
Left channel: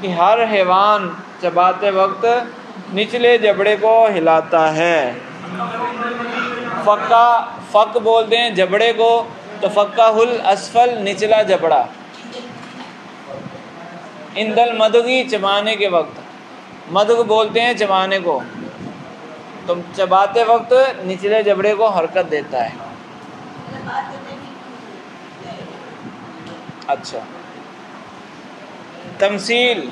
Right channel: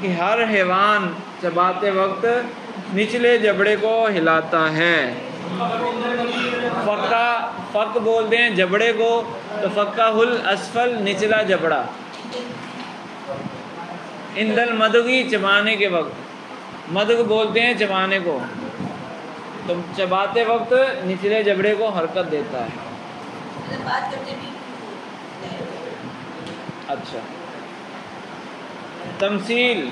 کہ ہر حیوان چباتے وقت نچلے جبڑے کو ہلاتا ہے۔ فک بولتے ہیں جبڑے کو، تو فکہ الاسفل نچلا جبڑا، عند المدغ چبانے کے وقت، مدغ بولتے ہیں چبانے کو، تو چباتے وقت نچلے جبڑے کو حرکت دیتا ہے۔ اچھا، تمثیل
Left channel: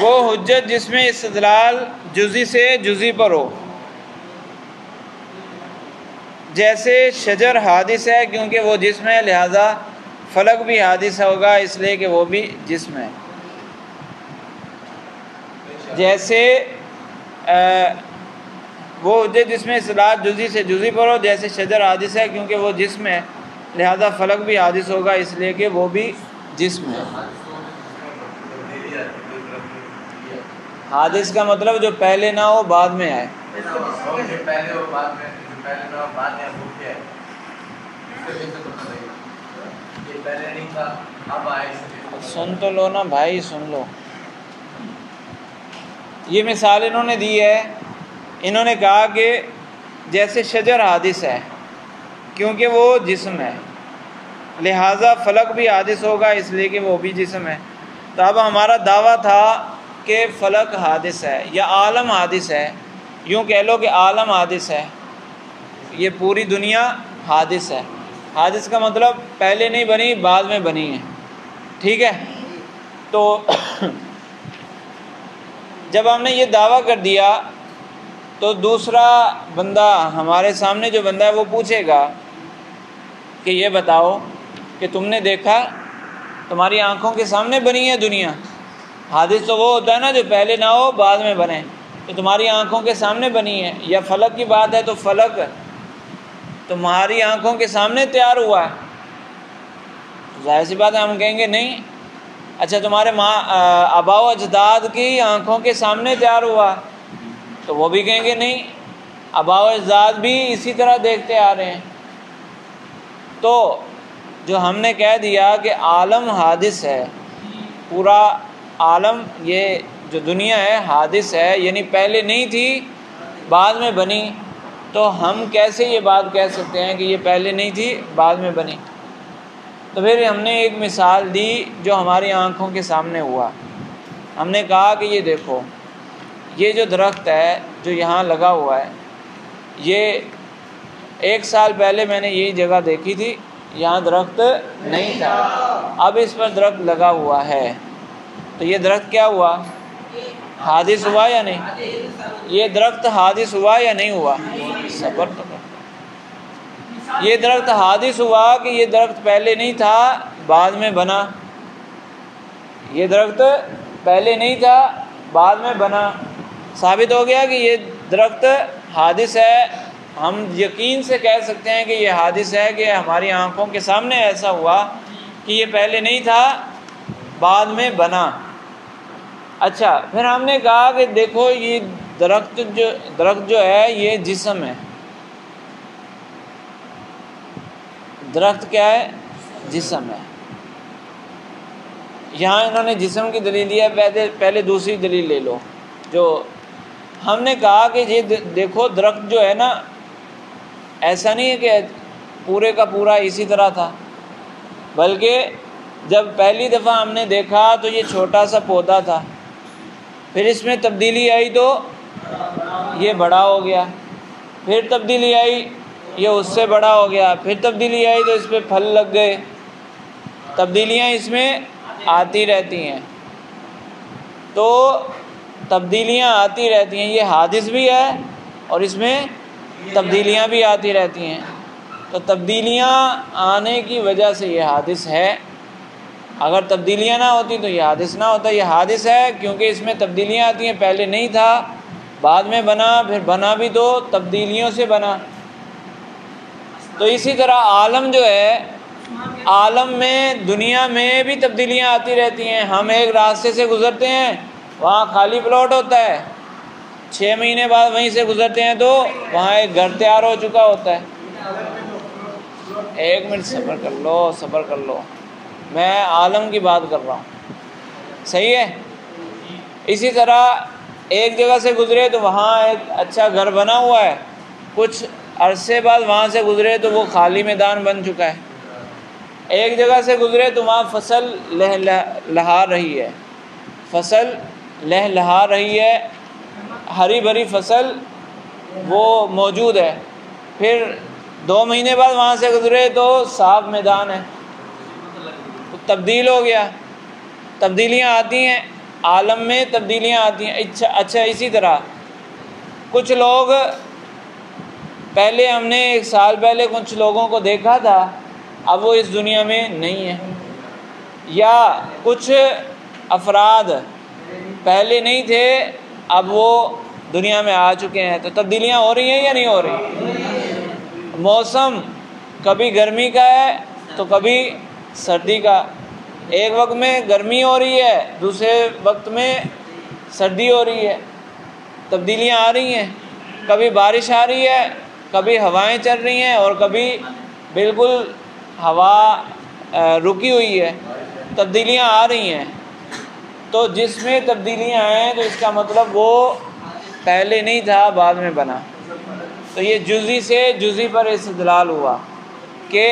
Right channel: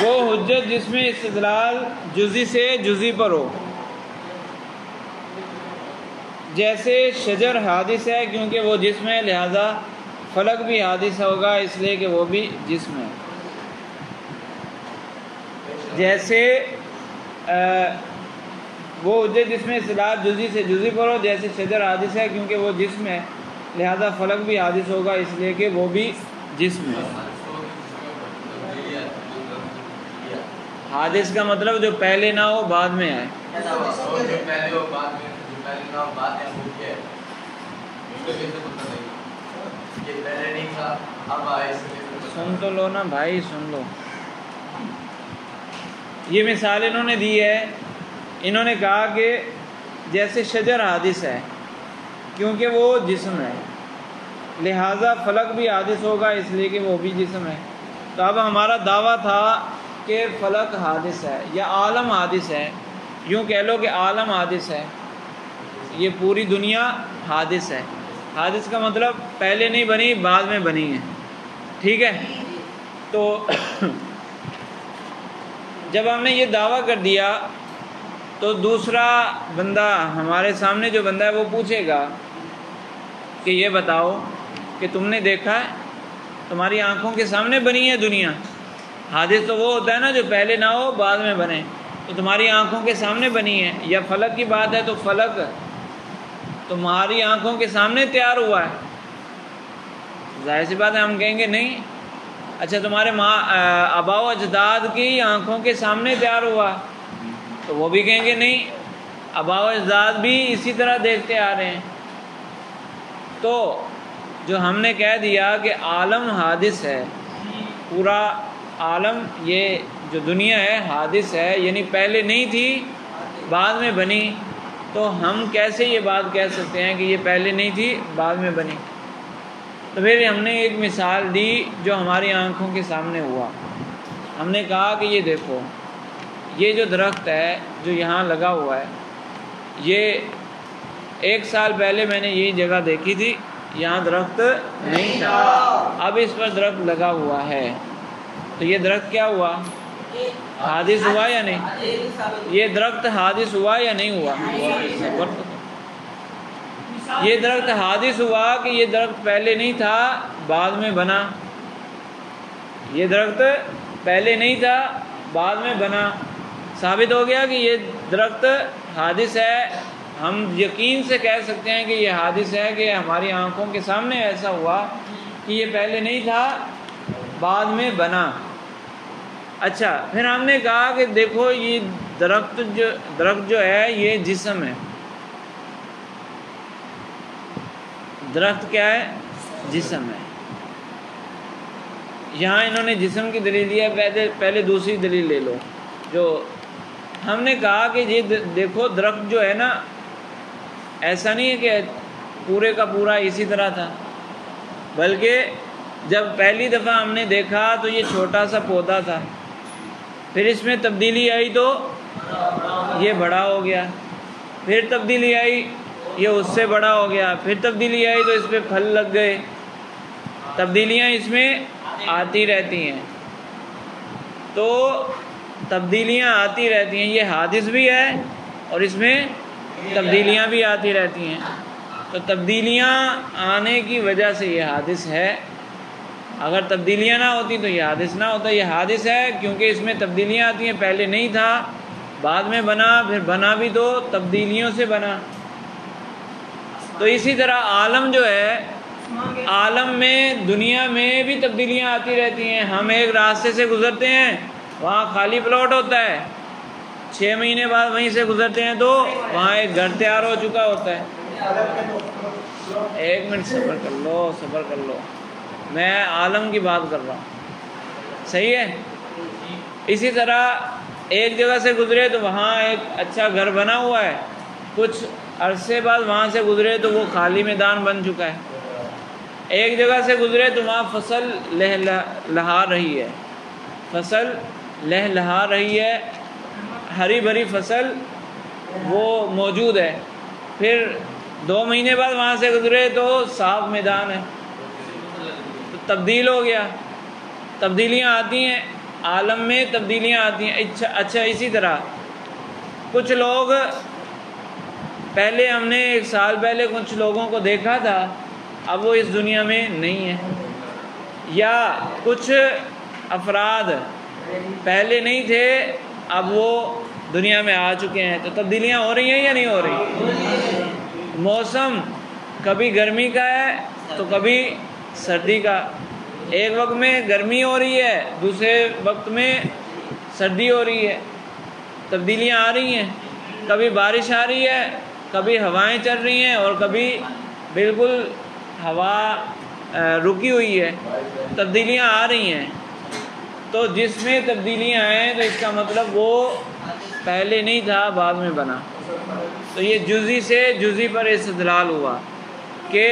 وہ حجت جس میں استدلال جزئی سے جزئی پر ہو، جیسے شجر حادث ہے کیونکہ وہ جسم ہے، لہذا فلک بھی حادث ہوگا اس لیے کہ وہ بھی جسم ہے۔ جیسے وہ حجت جس میں استدلال جزئی سے جزئی پر ہو، جیسے شجر حادث ہے کیونکہ وہ جسم ہے، لہذا فلک بھی حادث ہوگا اس لیے کہ وہ بھی جسم ہے۔ حادث کا مطلب جو پہلے نہ ہو بعد میں آئے۔ سن تو لو نا بھائی، سن لو۔ یہ مثال انہوں نے دی ہے، انہوں نے کہا کہ جیسے شجر حادث ہے کیونکہ وہ جسم ہے، لہٰذا فلک بھی حادث ہوگا اس لیے کہ وہ بھی جسم ہے۔ تو اب ہمارا دعویٰ تھا کہ فلک حادث ہے یا عالم حادث ہے، یوں کہہ لو کہ عالم حادث ہے، یہ پوری دنیا حادث ہے۔ حادث کا مطلب پہلے نہیں بنی، بعد میں بنی ہے، ٹھیک ہے؟ تو جب ہم نے یہ دعویٰ کر دیا تو دوسرا بندہ، ہمارے سامنے جو بندہ ہے وہ پوچھے گا کہ یہ بتاؤ کہ تم نے دیکھا ہے، تمہاری آنکھوں کے سامنے بنی ہے دنیا۔ حادث تو وہ ہوتا ہے نا جو پہلے نہ ہو بعد میں بنے، تو تمہاری آنکھوں کے سامنے بنی ہے۔ یا فلک کی بات ہے تو فلک تمہاری آنکھوں کے سامنے تیار ہوا ہے، ظاہر سی بات ہے ہم کہیں گے نہیں۔ اچھا، تمہارے آباء و اجداد کی آنکھوں کے سامنے تیار ہوا، تو وہ بھی کہیں گے نہیں، آباء و اجداد بھی اسی طرح دیکھتے آ رہے ہیں۔ تو جو ہم نے کہہ دیا کہ عالم حادث ہے، پورا عالم، یہ جو دنیا ہے حادث ہے، یعنی پہلے نہیں تھی بعد میں بنی، تو ہم کیسے یہ بات کہہ سکتے ہیں کہ یہ پہلے نہیں تھی بعد میں بنی؟ تو پھر ہم نے ایک مثال دی جو ہماری آنکھوں کے سامنے ہوا۔ ہم نے کہا کہ یہ دیکھو، یہ جو درخت ہے جو یہاں لگا ہوا ہے، یہ 1 سال پہلے میں نے یہی جگہ دیکھی تھی، یہاں درخت نہیں تھا، اب اس پر درخت لگا ہوا ہے، تو یہ درخت کیا ہوا؟ حادث ہوا یا نہیں؟ یہ درخت حادث ہوا یا نہیں ہوا؟ صبر کرو۔ یہ درخت حادث ہوا کہ یہ درخت پہلے نہیں تھا بعد میں بنا، یہ درخت پہلے نہیں تھا بعد میں بنا، ثابت ہو گیا کہ یہ درخت حادث ہے۔ ہم یقین سے کہہ سکتے ہیں کہ یہ حادث ہے کہ ہماری آنکھوں کے سامنے ایسا ہوا کہ یہ پہلے نہیں تھا بعد میں بنا۔ اچھا، پھر ہم نے کہا کہ دیکھو یہ درخت جو ہے یہ جسم ہے۔ درخت کیا ہے؟ جسم ہے۔ یہاں انہوں نے جسم کی دلیل دی ہے، پہلے دوسری دلیل لے لو۔ جو ہم نے کہا کہ یہ دیکھو درخت جو ہے نا، ایسا نہیں ہے کہ پورے کا پورا اسی طرح تھا، بلکہ جب پہلی دفعہ ہم نے دیکھا تو یہ چھوٹا سا پودا تھا، پھر اس میں تبدیلی آئی تو یہ بڑا ہو گیا، پھر تبدیلی آئی یہ اس سے بڑا ہو گیا، پھر تبدیلی آئی تو اس پہ پھل لگ گئے۔ تبدیلیاں اس میں آتی رہتی ہیں، تو تبدیلیاں آتی رہتی ہیں، یہ حادث بھی ہے اور اس میں تبدیلیاں بھی آتی رہتی ہیں، تو تبدیلیاں آنے کی وجہ سے یہ حادث ہے۔ اگر تبدیلیاں نہ ہوتی تو یہ حادث نہ ہوتا. یہ حادث ہے کیونکہ اس میں تبدیلیاں آتی ہیں. پہلے نہیں تھا، بعد میں بنا، پھر بنا بھی تو تبدیلیوں سے بنا. تو اسی طرح عالم جو ہے، عالم میں دنیا میں بھی تبدیلیاں آتی رہتی ہیں. ہم ایک راستے سے گزرتے ہیں، وہاں خالی پلاٹ ہوتا ہے، 6 مہینے بعد وہیں سے گزرتے ہیں تو وہاں ایک گھر تیار ہو چکا ہوتا ہے. 1 منٹ صبر کر لو، صبر کر لو، میں عالم کی بات کر رہا ہوں. صحیح ہے. اسی طرح ایک جگہ سے گزرے تو وہاں ایک اچھا گھر بنا ہوا ہے، کچھ عرصے بعد وہاں سے گزرے تو وہ خالی میدان بن چکا ہے. ایک جگہ سے گزرے تو وہاں فصل لہا رہی ہے، فصل لہا رہی ہے، ہری بھری فصل وہ موجود ہے. پھر 2 مہینے بعد وہاں سے گزرے تو صاف میدان ہے، تو تبدیل ہو گیا. تبدیلیاں آتی ہیں عالم میں، تبدیلیاں آتی ہیں. اچھا اسی طرح کچھ لوگ، پہلے ہم نے 1 سال پہلے کچھ لوگوں کو دیکھا تھا، اب وہ اس دنیا میں نہیں ہیں. یا کچھ افراد پہلے نہیں تھے، اب وہ دنیا میں آ چکے ہیں. تو تبدیلیاں ہو رہی ہیں یا نہیں ہو رہی؟ موسم کبھی گرمی کا ہے تو کبھی سردی کا. ایک وقت میں گرمی ہو رہی ہے، دوسرے وقت میں سردی ہو رہی ہے. تبدیلیاں آ رہی ہیں. کبھی بارش آ رہی ہے، کبھی ہوائیں چل رہی ہیں، اور کبھی بالکل ہوا رکی ہوئی ہے. تبدیلیاں آ رہی ہیں. تو جس میں تبدیلیاں آئیں تو اس کا مطلب وہ پہلے نہیں تھا، بعد میں بنا. تو یہ جزئی سے جزئی پر استدلال ہوا کہ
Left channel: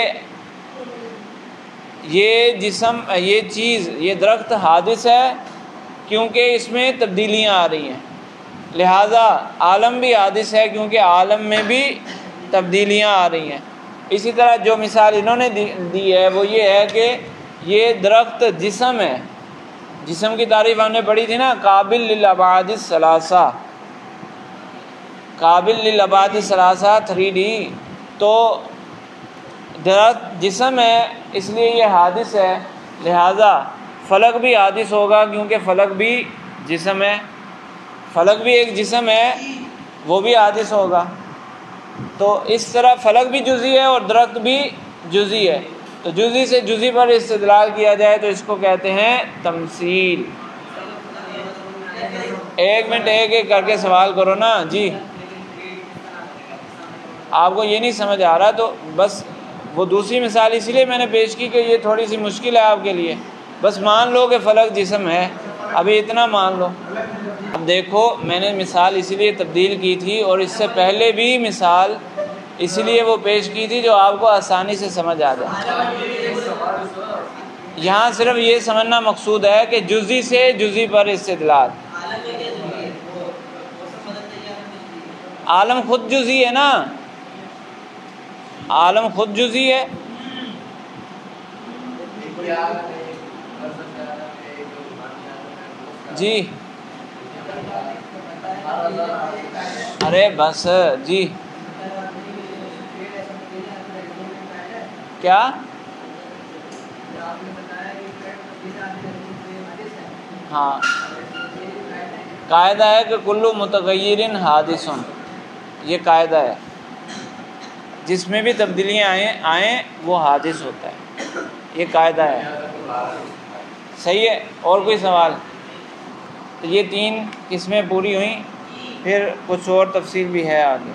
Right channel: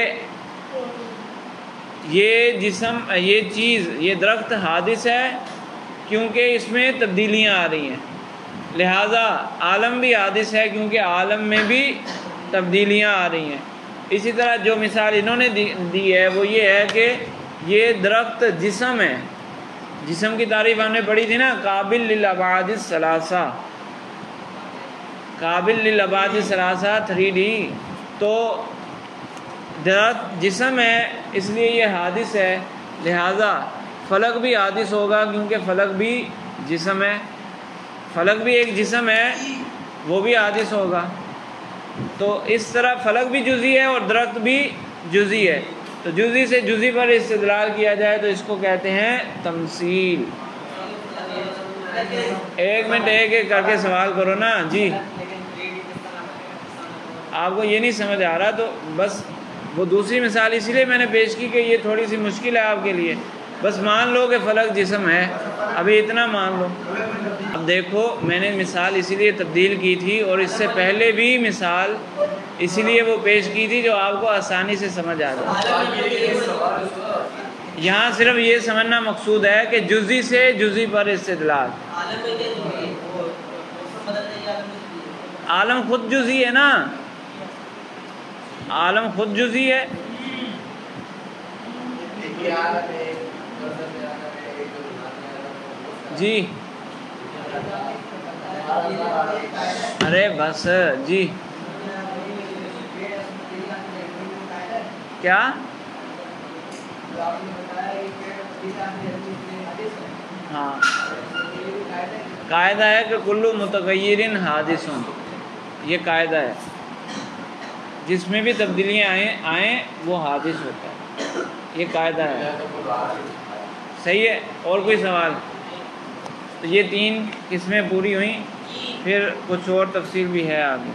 یہ جسم، یہ چیز، یہ درخت حادث ہے کیونکہ اس میں تبدیلیاں آ رہی ہیں. لہذا عالم بھی حادث ہے کیونکہ عالم میں بھی تبدیلیاں آ رہی ہیں. اسی طرح جو مثال انہوں نے دی ہے وہ یہ ہے کہ یہ درخت جسم ہے. جسم کی تعریف ہم نے پڑھی تھی نا، قابل للابعاد الثلاثہ، قابل للابعاد الثلاثہ 3D. تو درخت جسم ہے اس لیے یہ حادث ہے. لہذا فلک بھی حادث ہوگا کیونکہ فلک بھی جسم ہے. فلک بھی ایک جسم ہے، وہ بھی حادث ہوگا. تو اس طرح فلک بھی جزئی ہے اور درخت بھی جزئی ہے. تو جزئی سے جزئی پر استدلال کیا جائے تو اس کو کہتے ہیں تمثیل. 1 منٹ ایک ایک کر کے سوال کرو نا جی. آپ کو یہ نہیں سمجھ آ رہا تو بس وہ دوسری مثال اس لیے میں نے پیش کی کہ یہ تھوڑی سی مشکل ہے آپ کے لیے. بس مان لو کہ فلک جسم ہے، ابھی اتنا مان لو. اب دیکھو میں نے مثال اسی لیے تبدیل کی تھی، اور اس سے پہلے بھی مثال اسی لیے وہ پیش کی تھی جو آپ کو آسانی سے سمجھ آ جائے. یہاں صرف یہ سمجھنا مقصود ہے کہ جزئی سے جزئی پر استدلال. عالم خود جزئی ہے نا، عالم خود جزئی ہے. جی ارے بس جی کیا ہاں قاعدہ ہے کہ کلو متغیر حادث، یہ قاعدہ ہے. جس میں بھی تبدیلیاں آئیں وہ حادث ہوتا ہے، یہ قاعدہ ہے. صحیح ہے. اور کوئی سوال؟ تو یہ 3 قسمیں پوری ہوئیں، پھر کچھ اور تفصیل بھی ہے آگے.